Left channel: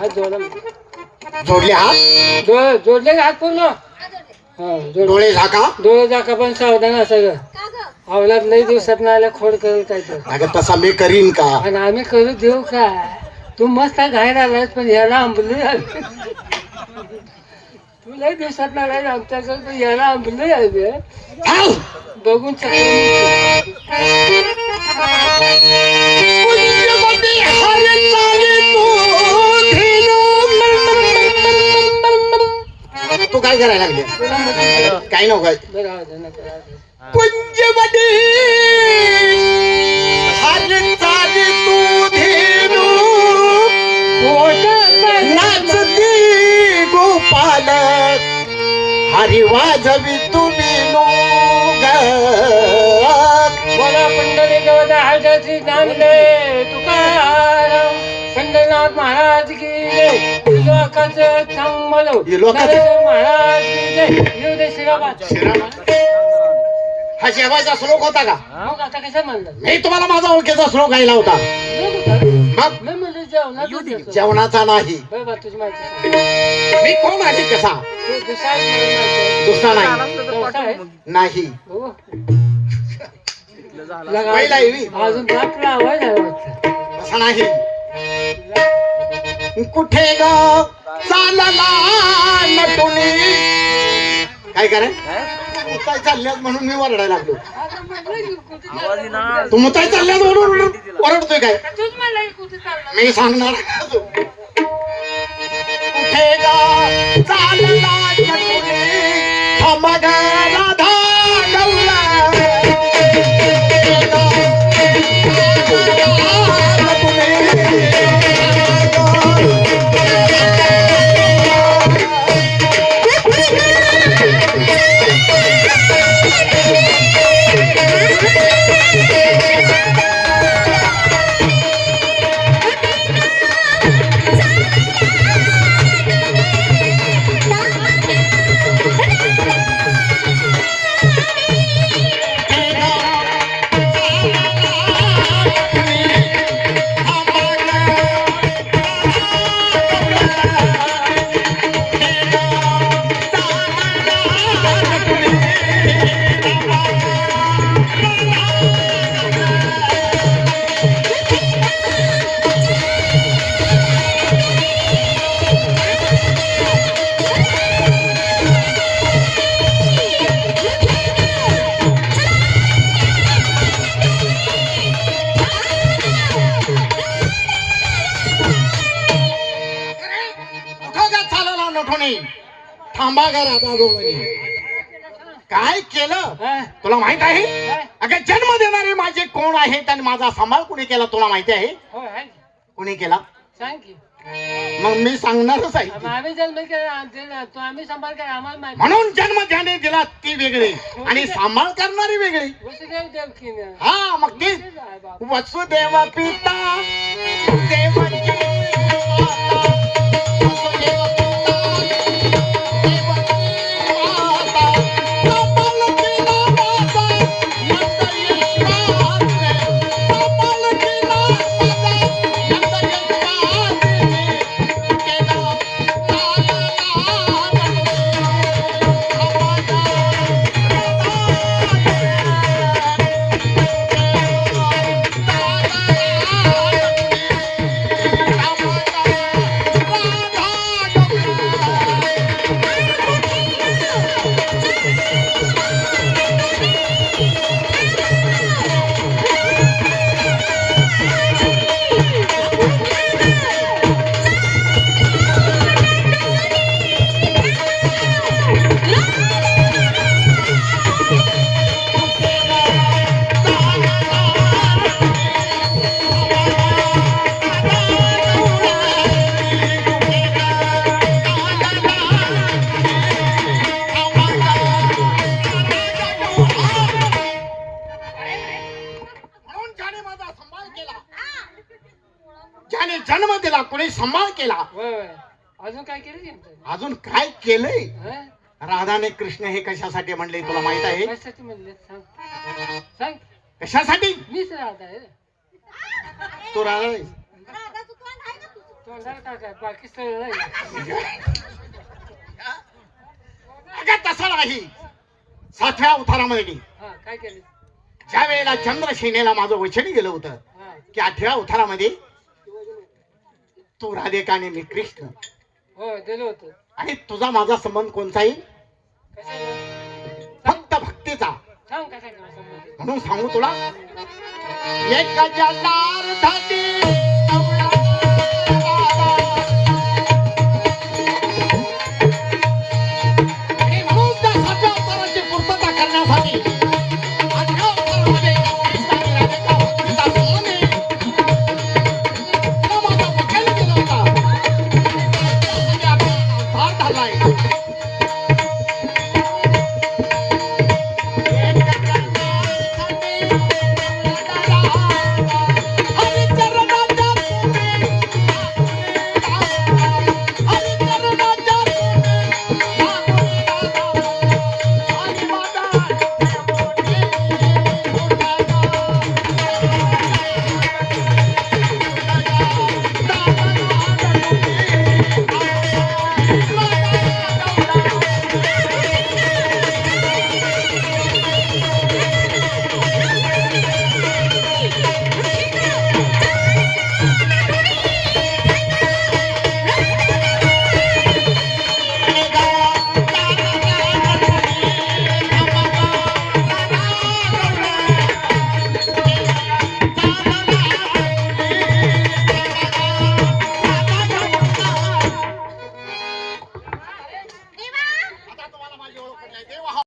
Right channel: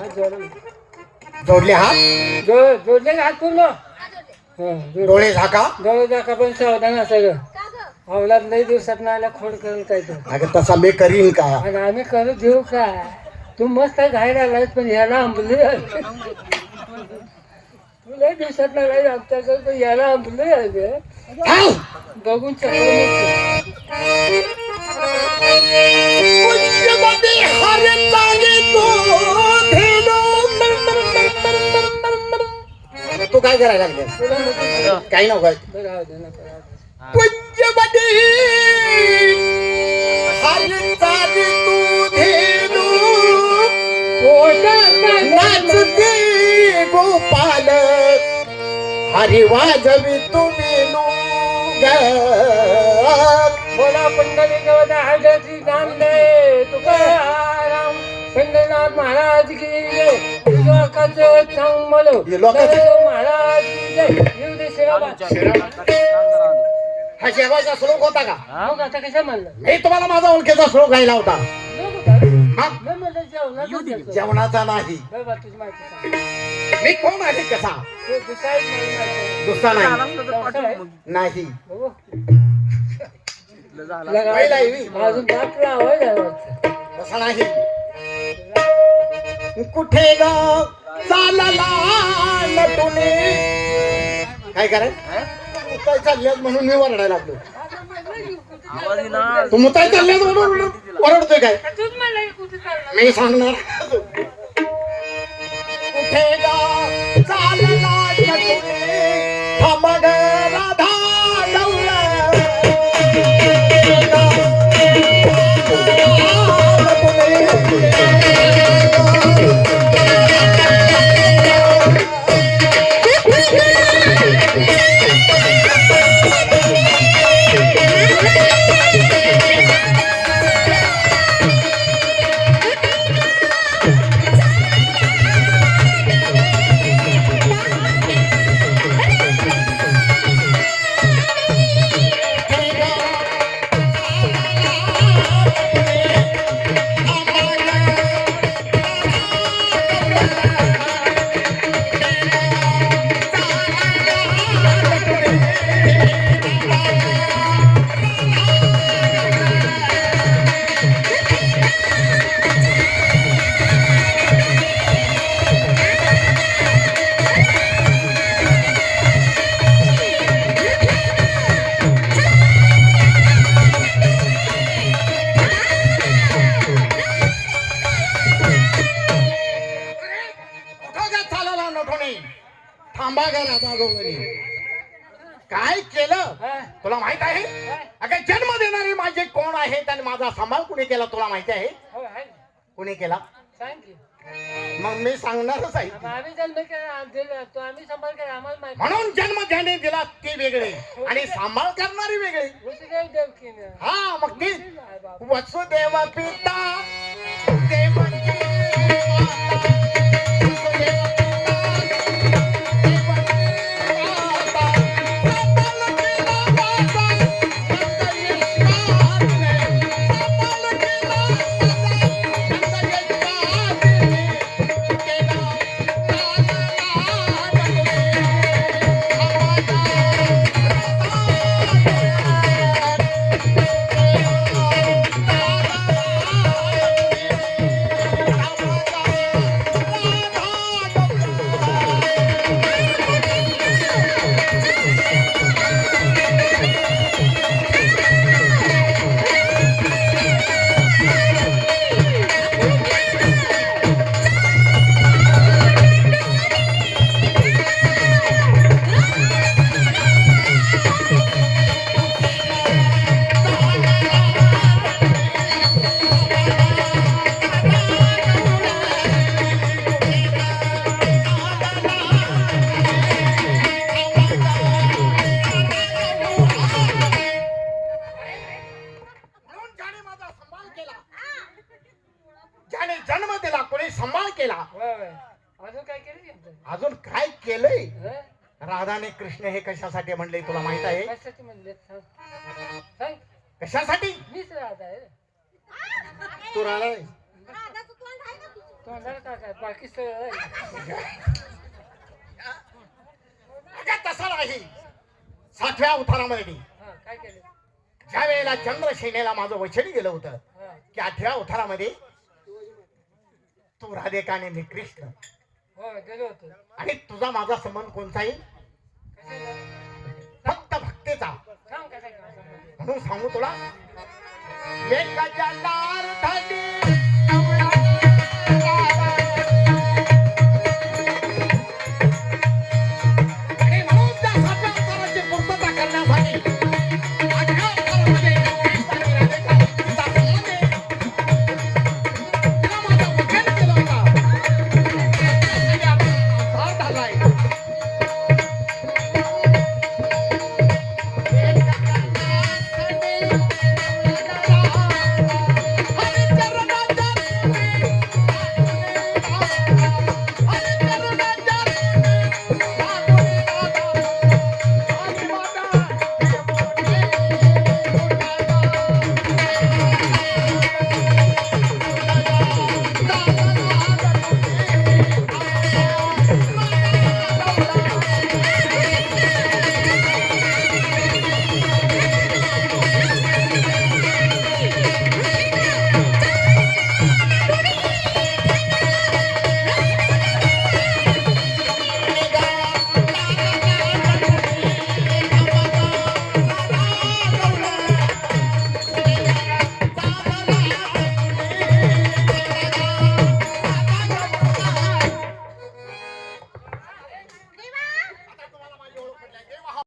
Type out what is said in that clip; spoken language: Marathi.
हात जोडा. जोडले हात, जोडले हात पूर्ण. डोळे झाका. डोळे झाका पण सावधान असायचं. अवलाद लई दिवसात नाही आल्या खोड करेल काय तर. अगं तसा मी करीन का? आणि आम्ही करू देऊ का? तू मस्त घाईर आलास पण याला आंबली. तू लई दिवसात नाही आमच्याकडे पण याला आंबली आहे बघून तू काय करायला लागले? काही नको. कुंजवडी हरी चाली तू धेनू, नाचती गोपाल हरी वाजवी तुम्ही बोला पंढरी गवदा हळदाची नामले तुकाराम पंढरनाथ महाराज की जय. लोकांचं चांगलं महाराज की जय. येऊ दे शिराबाद. हा शेवाचा श्लोक होता का? मग आता कशा म्हणलं? मी तुम्हाला माझा ओळखीचा श्लोक गायला होता. मी म्हणलं जेवणाचं. जेवणाचा नाही. बघा तुझी माहिती मी कोण आहे कसा? दुसरा नाही. अजून रात्र आवाज तसा नाही. कुठे ग चालला नटुनी? काय कराय मुताय चालल्यात म्हणून मी वरडायला लागलो. तू मुताय चालल्यात म्हणून ओरडतोय काय? मी सांगणार. कुठे ग चालला नटुनी थमग राधा गौला. थांबा का राधा गोवणी? काय केलं तुला माहित आहे? अगं जन्म देणारे माझे कोण आहेत आणि माझा सांभाळ कुणी केला तुला माहिती आहे? कुणी केला सांग की. मग मी सांगणारच आहे. आम्ही जन्म केला तो आम्ही सांभाळ केला आम्हाला माहिती. म्हणून जन्म ज्याने दिला ती वेगळी आणि सांभाळ करणारी वेगळी. वसुदेव देवकी. हा मग ती वसुदेव पिता देवकी. ज्याने जन्म दिला कोणी सांभाळ केला. अजून काय केलं? अजून काय केलंय? राधाने कृष्ण हे कशासाठी म्हणले तुला माहित आहे? कशासाठी म्हणले सांग. कशासाठी? मीच राधा आहे. तू राधा तोंडाला टाका बाकी सगळं नाही. अगं तसं नाही. 7व्या उतारामध्ये हा काय केलं? ज्या वेळेला चंद्रसेनेला माझं वचन गेलं होतं हा की 8व्या उतारामध्ये तू राधिका आणि मी कृष्ण, हो दिलं होतं. आणि तुझा माझा संबंध कोणताही कशाला फक्त भक्तीचा. सांग कसा संबंध? म्हणून सांगू तुला, एक जलार्दनी